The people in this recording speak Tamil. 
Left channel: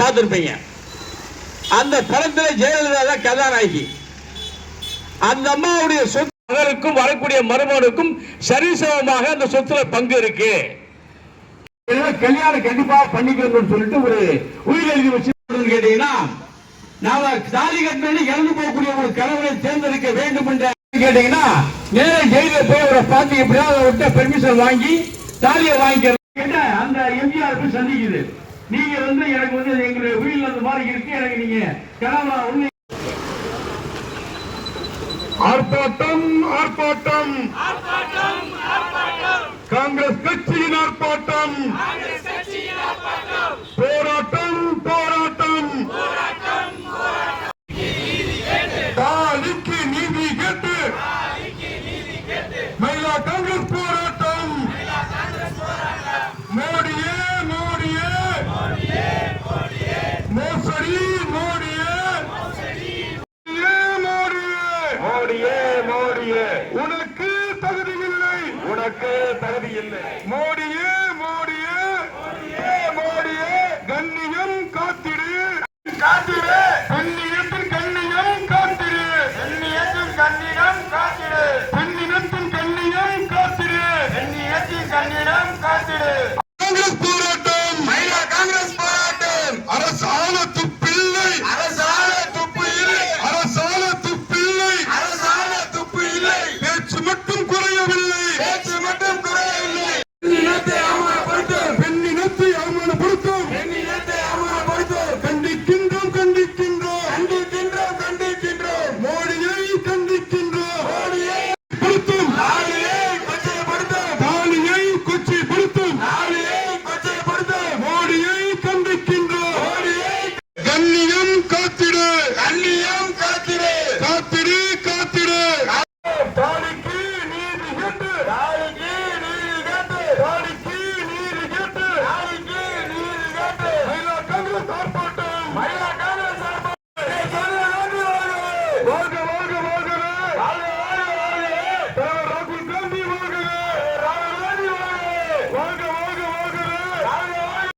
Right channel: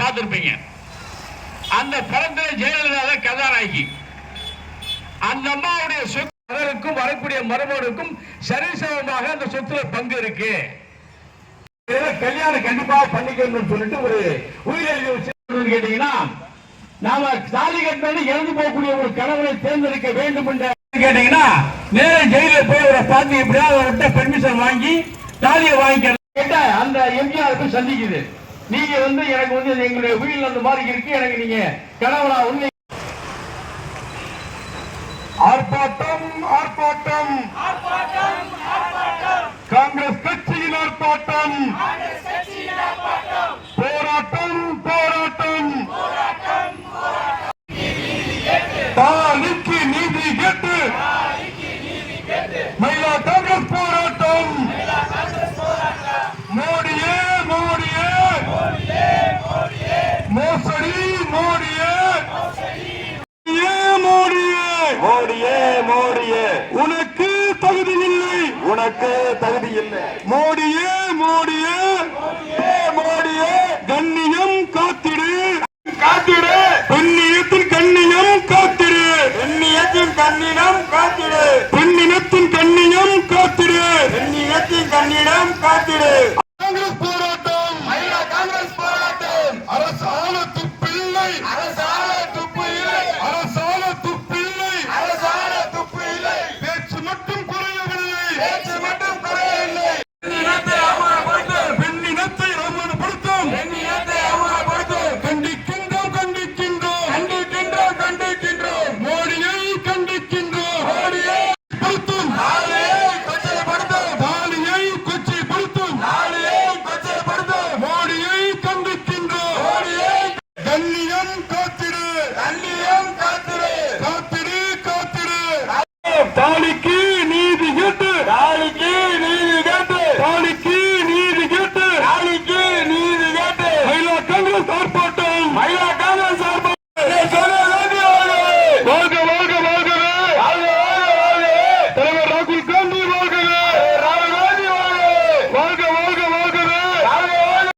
பார்த்திருப்பீங்க. அந்த படத்தில் ஜெயலலிதா தான் கதாநாயகி. அந்த அம்மாவுடைய சொத்து மகனுக்கும் வரக்கூடிய மருமகனுக்கும் சரிசமமாக அந்த சொத்துல பங்கு இருக்கு. கல்யாணம் கண்டிப்பாக பண்ணிக்கணும்னு சொல்லிட்டு ஒரு உயிரெழுதி வச்சு கேட்டீங்கன்னா, நாம தாலி கட்டணும் இறந்து போகக்கூடிய ஒரு கணவனை தேர்ந்தெடுக்க வேண்டும் என்று கேட்டீங்கன்னா, நேரம் ஜெயில போய் ஒரு பார்த்து எப்படியாவது அவர்கிட்ட பெர்மிஷன் வாங்கி தாலியை வாங்கிக்க கேட்ட அந்த எம்ஜிஆர் சந்திக்குது. நீங்க எனக்கு எங்களுடைய உயிர் அந்த மாதிரி இருக்கு, எனக்கு நீங்க கணவனா உண்மை. ஆர்ப்பாட்டம் ஆர்ப்பாட்டம் காங்கிரஸ் கட்சியின் ஆர்ப்பாட்டம்.